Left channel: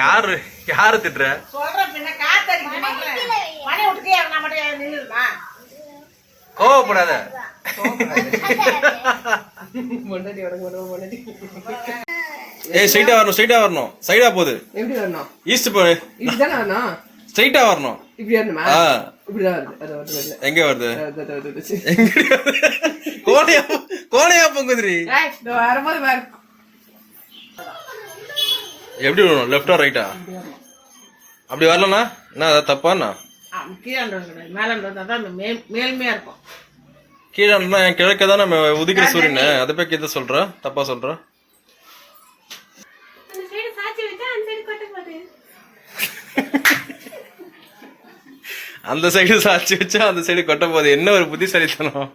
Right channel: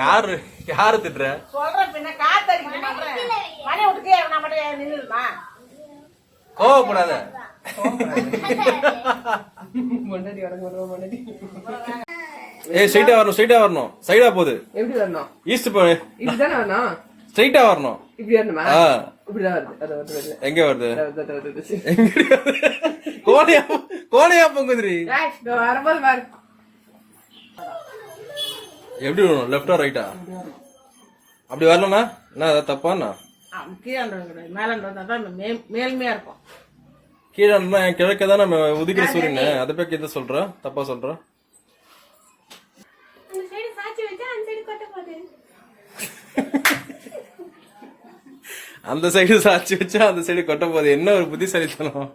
யாரு யாரு திட்டுற? சொல்றேன் பின்ன காத்தடிக்க மாட்டேன். மணி விட்டுக்கே நான் மட்டும் நின்றுமா? கோவப்படாத. ஏய் ஸ்ட்ரைட்டா வரணும், ஸ்ட்ரைட்டா வரணும். சைடா போகுது. எப்படி வரணும்? ஈஸ்ட் போ. இப்படிதானே வரணும். ஸ்ட்ரைட்டா வரணும். இப்படி வரணுமா? இப்படிதான் வருது. அது வருது. எங்க வருது? எங்க கோணையா கோணையா பொங்குதுரி. வரும்போது பாரு. எப்படி வரணும்? லெஃப்டா ரைட்டா? அப்படி வரலனா என்ன அத தப்பானா? கீழே மேலன்றதா மேல்மையா இருக்கும். கீழன்னா என் கிழக்க தான் நம்ம உதிக்கிற சூரியன். அதை போய் கிட்ட சொல்ற தப்பா சொல்ற. அந்த சைடு சாட்சி வச்சா அந்த சைடு கொட்ட போகுது. என்ன ஒரு புத்திசாலித்தனம்.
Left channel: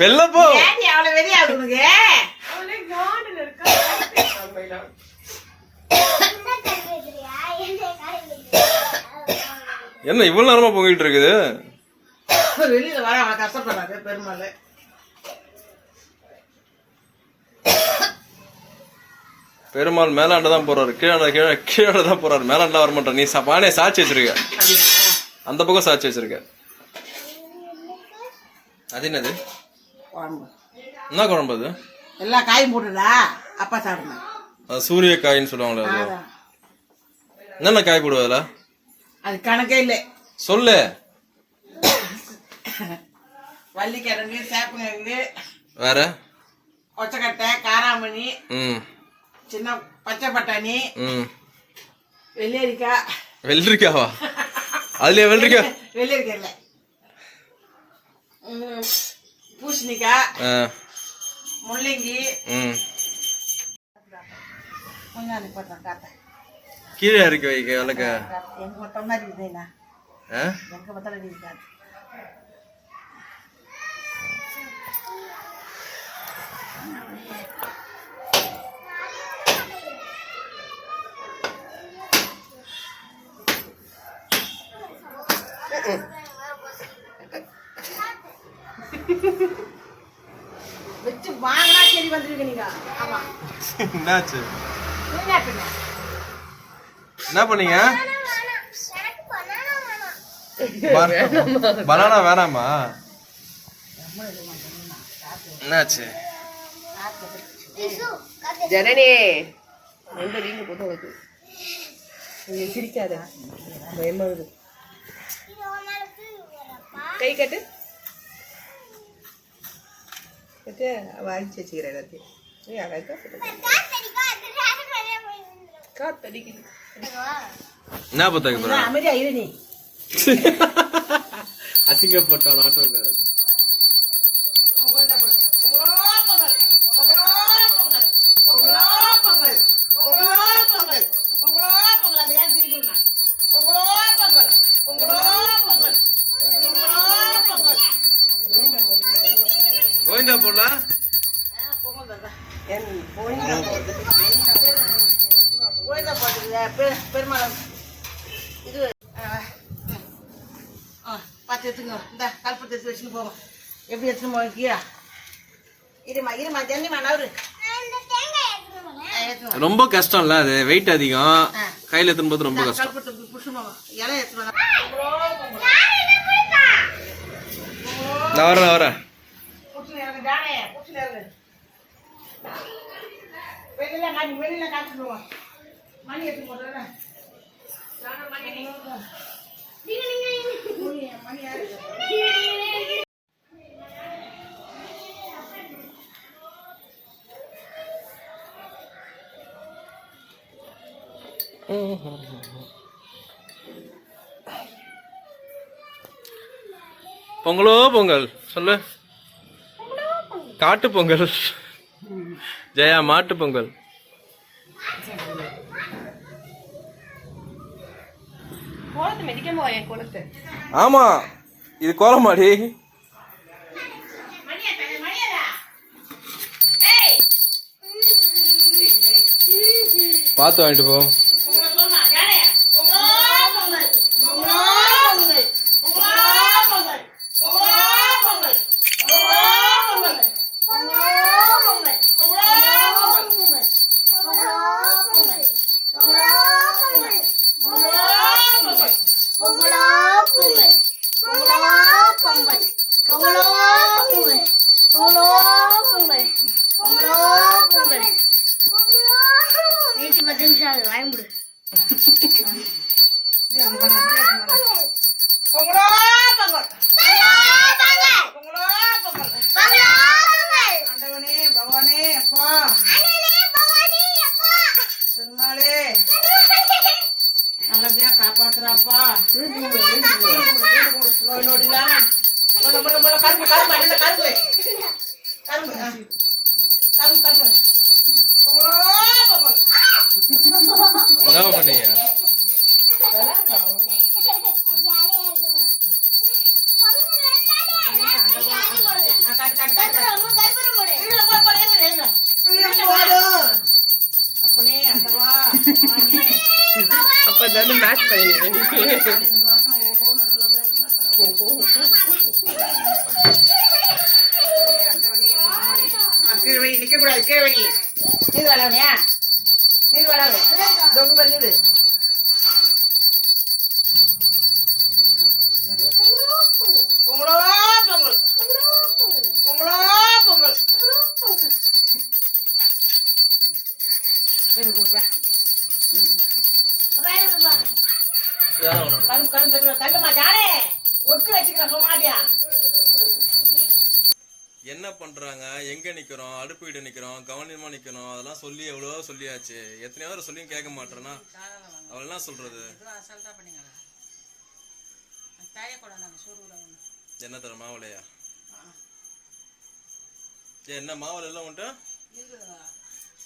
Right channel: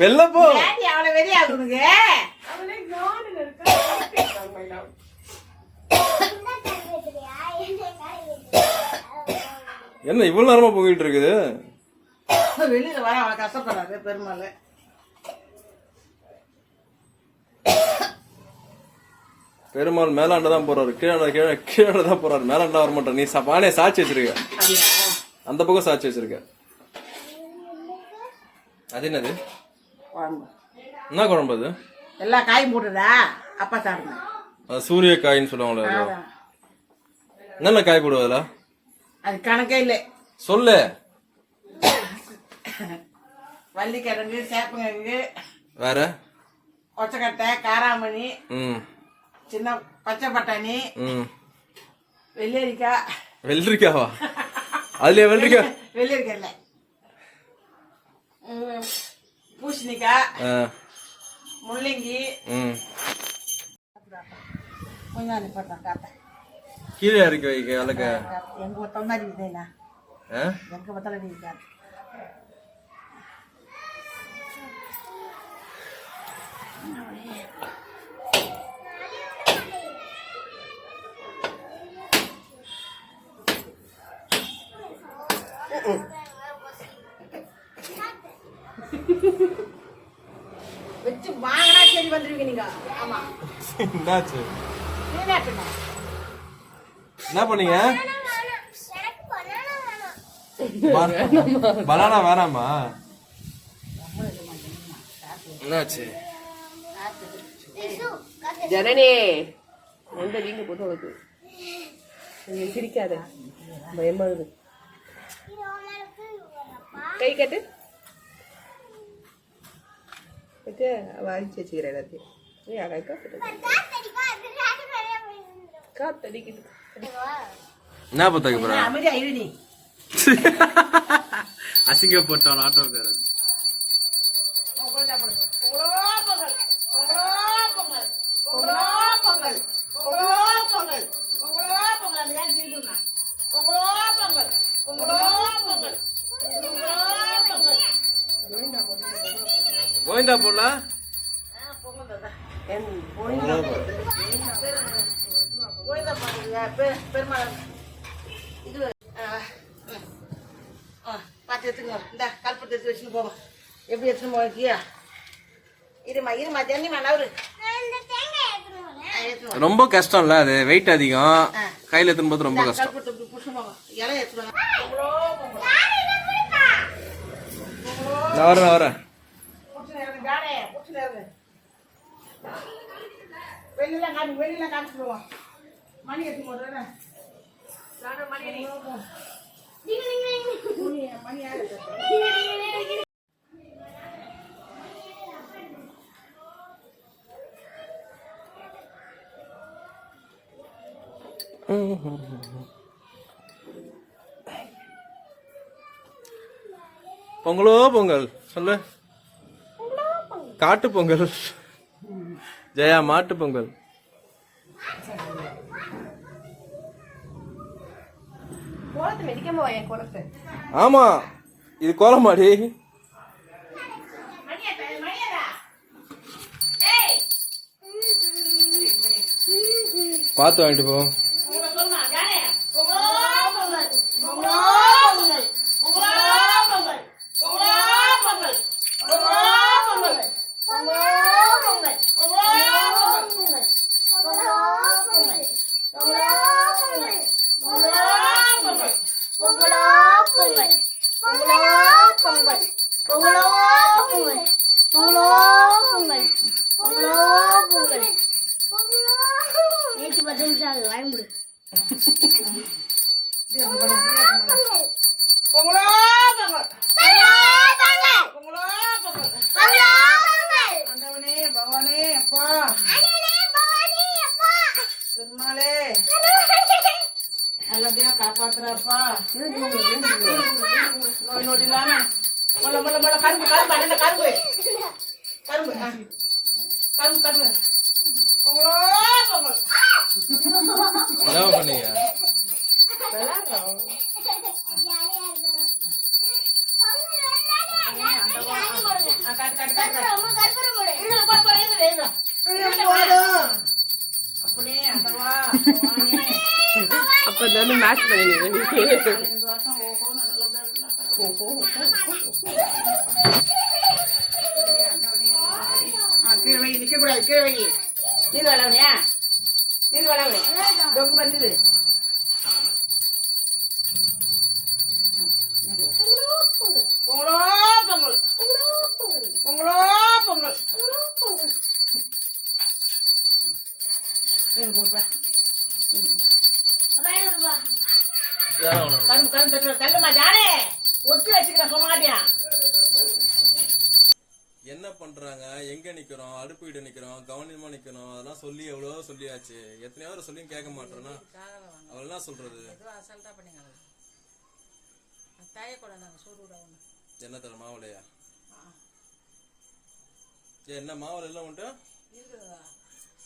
வெளில போ. என்ன இவ்வளவு நேரமா போயிட்டு இருக்குது? வெளியில வர அவளை கஷ்டப்படுறாரு பெருமாள். பெருமாள் மேலாண்டதான் போறாரு. கீழே தான் போறாரு. மேலாண்டா வர மாட்டார். நீ பானே சாட்சி வச்சிருக்க. அந்த பக்கம் சாட்சி வச்சிருக்க. அது என்னது? என்ன குழம்பு அது? எல்லா காயும் போட்டுதா அப்பா சாப்பிடணும். அது சூரிய காயின்னு சொல்லுவாங்களே. அது என்னென்ன காய் போடுவதுல? அது கணக்கே இல்லை. சொல்லு. வள்ளிக்கிழங்கு, சேப்பங்கிழங்கு, வேற ஒச்சக்கட்டை, காராமணி, சின்ன பச்சை பட்டாணி, வெள்ளரிக்காய். வெள்ளரிக்காவா? அதுலயே வெள்ளரிக்காய்? வெள்ளரிக்காய் இல்லை, பூசணிக்காய், முள்ளங்கி. கீழே இறக்கி வைக்க வளர்க்க. எங்க பார்த்தாலும் இருக்குதுண்ணா. எங்க பார்த்தாலும் இருக்காது. வச்சு வாங்கினா சரி வந்துருவீங்க நீங்க. ஆமா. என்னாச்சு? என்ன பண்ணீங்க? பனானா வேணாமா? என்னாச்சு? ஜனனி எந்த வீங்க போட்டு வருது. நீ சிரிக்காத, பயமா இருக்கு. கை கட்டு கட்டு வாங்கி வச்சுக்கிற எல்லாத்தையும். காத்தடிக்குது. என்ன பத்தாக்க போற? அமைதியா இரு நீ. அசிங்கப்பட்டான் ஆட்டோக்காரன். கோவிந்தா போல பெருமாள் இது பார்த்து எடுத்துங்க. இந்த கல்பத்தை எடுத்து வச்சுன்னு போவோம். எப்படி எடுத்துன்னு போய்க்கியா? இருமா இருமா ஜன்னிமா நவரு. ரொம்ப கஷ்டம் இல்ல அது? வெயிட் அதிகம். கையில எடுத்துன்னு போது ரொம்ப கஷ்டம். கல்பத்தை புடிச்சுமா இலை எடுத்துவாங்க. நான் வரேன். வெளியில காட்டுவோம். மணி எடுத்து போடுறேன். மணி யாரு? பொங்கலோ பொங்கல் சொல்லு. காட்டு பொங்கல். ஜெயா மாட்டு பொங்கல். ஆமா இது கோலமாடி. பார்த்து வாங்கிட்டு போ. வராது வாய்முடு. பொங்கலோ பொங்கல். பொங்கலோ பொங்கல். ஆண்டவனே பகவானே அப்பா பெருமாளே நல்லபடியா காப்பாத்துறாப்பா. நோய் நொடி இல்லாம கரும்பு கரும்பு என்ன கரும்பு கரும்பு கரும்பு கரும்பு. பொங்கலோ பொங்கல். என்ன பண்ணீங்க? அப்படியே அப்பவா அப்ப நம்ம மேட்ச் கீழே வை நிக்க கூடாது. கீழே வை. நீர் வளவனியா நீர் வளவு தொங்கு பண்ணுது. பொங்கலோ பொங்கல். பொங்கலோ பொங்கல். கரும்பு கரும்பு தள்ளுமா ஜானே ஒட்டி வச்சுக்கிறேன் சும்மாட்டியா. என்ன பண்றாங்க, எங்க நிக்கிறோம், அடுப்பு வீடு நிக்கிறோம், கவனமா நிக்கிறோம், அதெல்லாம் சொல்லி எவ்வளவோ சொல்லியாச்சு. எத்தனையோ பேர் சொல்லியும் கேட்க மாட்டேன்னா அவள் என்ன சொல்றது? என்ன தர மாவுலையா? என்ன மாவுல எல்லாம் உண்டு?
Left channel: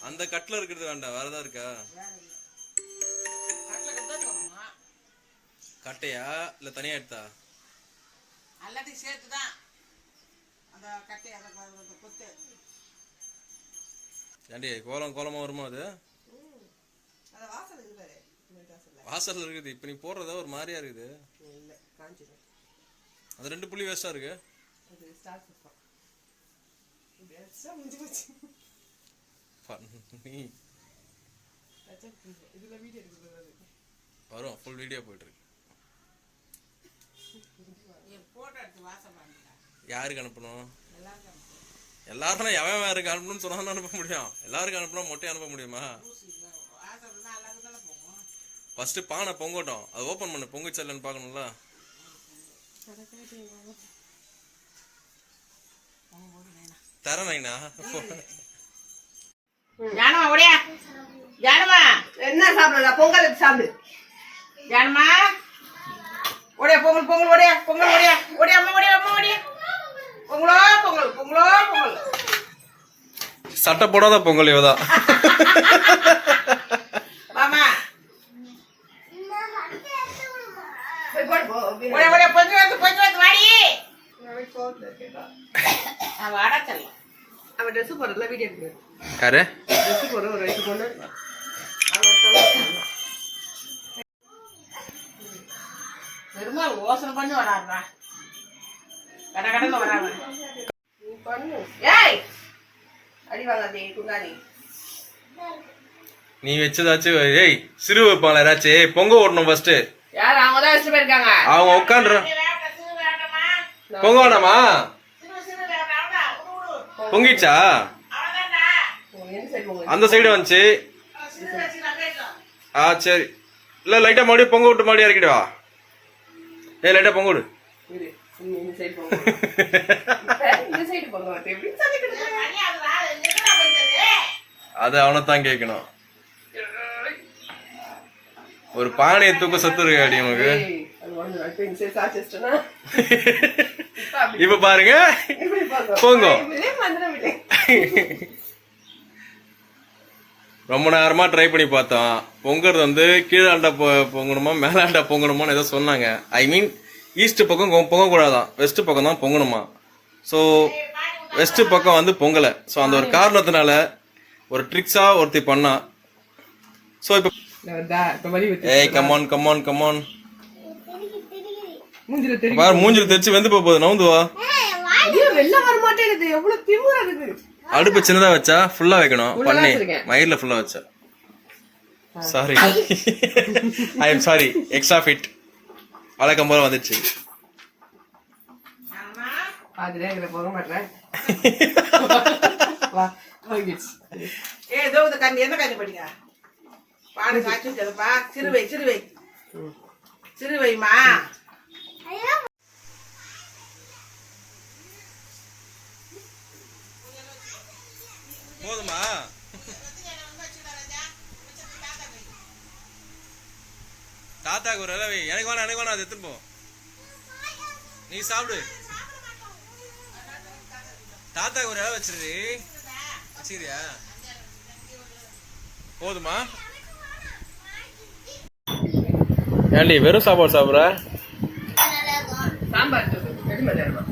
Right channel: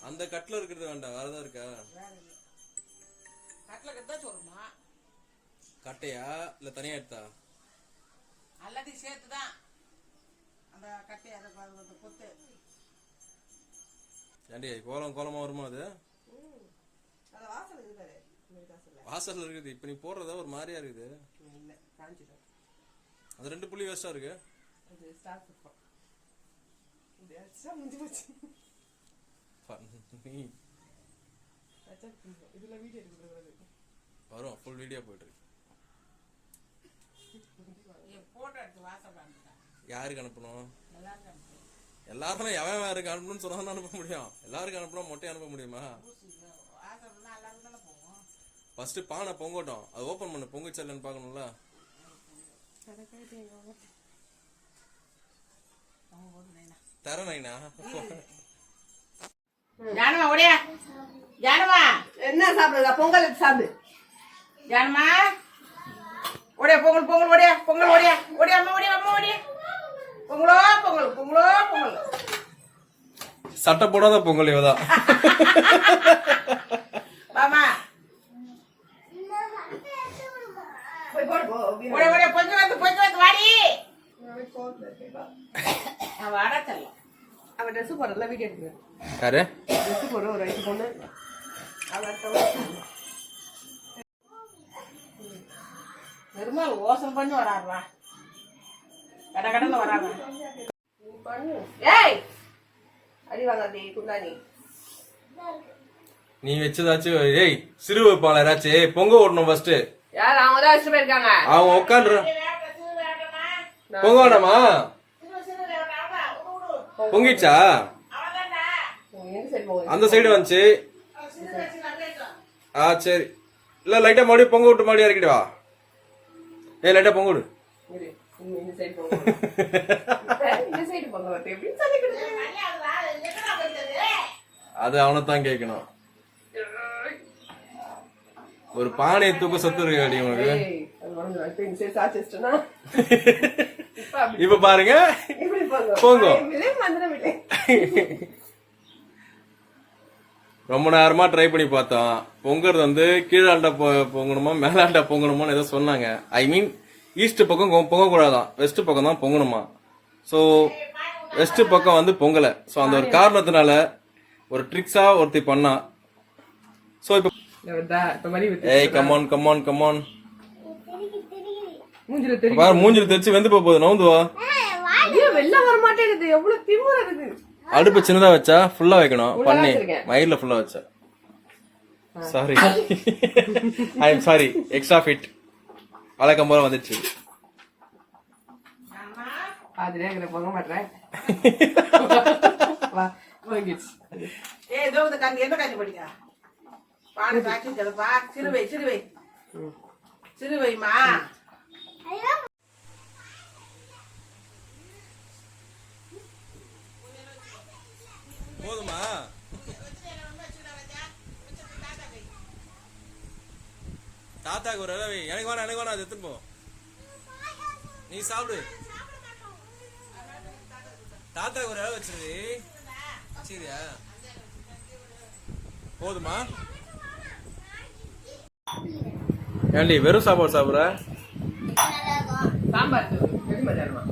அந்த கட்டில இருக்கிறது வேண்டாம், வேறதா இருக்கா? கட்டையா இல்ல தனியா எடுத்தா? எல்லாத்தையும் சேர்த்துதான் அந்த கட்டை அதை கொத்து. ஏண்டி கோலம் கோலமா வருமா அது? வாசல்ல இருக்குது. இப்ப நீ போடுறதா ஒரு மாதிரியா இருக்குது. அது 2 புள்ளி வேஸ்டா இருக்கு. வரும் ஃபுல் வீடியோ போயிட்டு இருக்கு. யாருக்கு அனுப்பணும்? எல்லாரும் எவன் யாருக்கு அனுப்பணும்னு சொன்னா அனுப்ப முடியும். எல்லாருக்கும் அனுப்பணும் மொட்டை அனுப்ப முடியுமா? ஃபர்ஸ்ட் பானை பொங்கட்டும், அது ஓபன் பண்ணு. பொங்குச்சா இல்லைன்னு பார்க்கணும்ல. தரேண்ணா ஜானமா ஓடியா. ஜானமா என்ன சாப்பிடுங்க? பொங்கல் சாப்பிடு. ஜானமா ஓடியா. பொங்கல் பொங்கல் ஓடியா. பொங்கல் ஓடியா. ஓடியா அம்மா ஓடியா. அம்மா ஓடியா. பொங்கலோ பொங்கல். பொங்கலோ பொங்கல். சட்டை போடாத பொங்கல் இவதான். வாமா போய் போடு போ. ஓடியா ஓடியா. கொஞ்சம் வந்து வாடி. வாடா செல்லம். அவன் ட்ரெஸ் போடுறதுல வீடியோ எடுக்கிறேன். யாரு ட்ரெஸ் போடுற ஒரு 2 பொண்ணு பெருமாள் யோசனை பண்ணி வராடுறா. கட கடன்னு வராங்க. பண்ணு. ஏய் அடி வாங்காதே குண்டானி. நீ வச்சதாச்சும் ஏய் சிறு வைப்பாங்களா யாராச்சும்? பொங்க ஓடணும் ஃபர்ஸ்ட். யார்? அவங்க தான் வச்சுட்டு போயிருக்காங்க. அவங்க உட்காந்து பொங்க வேணாமா? பொங்கிடுச்சா? அந்த சைடு வந்துச்சு. சரி. இல்ல லைட்டா மறுபடியும் பொங்க விட்டு மறுபடியும் இறக்கிடுவா. லைட்டா பொங்க விடு. இந்த சைடு போங்க. இந்த சைடு போங்க. எப்படி சொல்லிக்கிட்டு? அது அவனைத்தான் கேட்கணும். ஒரு பானையை தூக்க சத்து இருக்கு அடி உனக்கு. இப்ப பாருங்க பொங்க. ரொம்ப நேரமா ட்ரை பண்ணி பார்த்தோம். பொங்குறது வந்து கீழாண்டா பொங்கணுமா மேலாண்டா பொங்கணுமான்னு ஏதோ சொன்னாங்க. ஐ மீன் ஈஸ்ட் பக்கம் பொங்கக்கூடாதான், வெஸ்ட் பக்கம் தான் பொங்கணுமா. ஸோ வெஸ்ட் பக்கம் வந்து பொங்கலை. ஸோ அந்த ஒரு காரணத்தினால ஒரு ட்ரிக்ஸா ஒருத்தி பண்ணா. ஸோ இப்போ ஏய் கமான் கமான் கமான் மூஞ்சில தெரிச்சு வெந்து போகுது. நவுந்து வா. வெளில வர மாட்டேங்குது. எவ்வளவு திமிரா இருக்கு. அடுப்பு சின்னதா வச்சா ஃபுல்லா வைக்கணும். பண்ணி மயிர்ல ஃபுல்லா வச்சா. Sorry I am sorry. Extra fit வழக்கம் போல வந்துச்சு. அதுல எங்களை போக மாட்டேன். வா ஏ இதோ இந்த கண்ணி எந்த கண்ணி படிங்க. பானை காய்ச்சி வச்சதப்பா. சிறுவை சிறுவை சிறுவைமா. போதுமா? தாத்தாக்கு ஒரு இலை வை. எனக்கு வேணாம் அது எடுத்துன்னு போ. நீ சாப்பிடு. தாத்தாக்கு ஒரு இலை வச்சிரு. வச்சுக்கிறியா? போதுமா? ஏன்டி வெறும் சாப்பாடு சாப்பிட்ற? சாம்பார் தூள் ரெடி பண்ணிடுமா?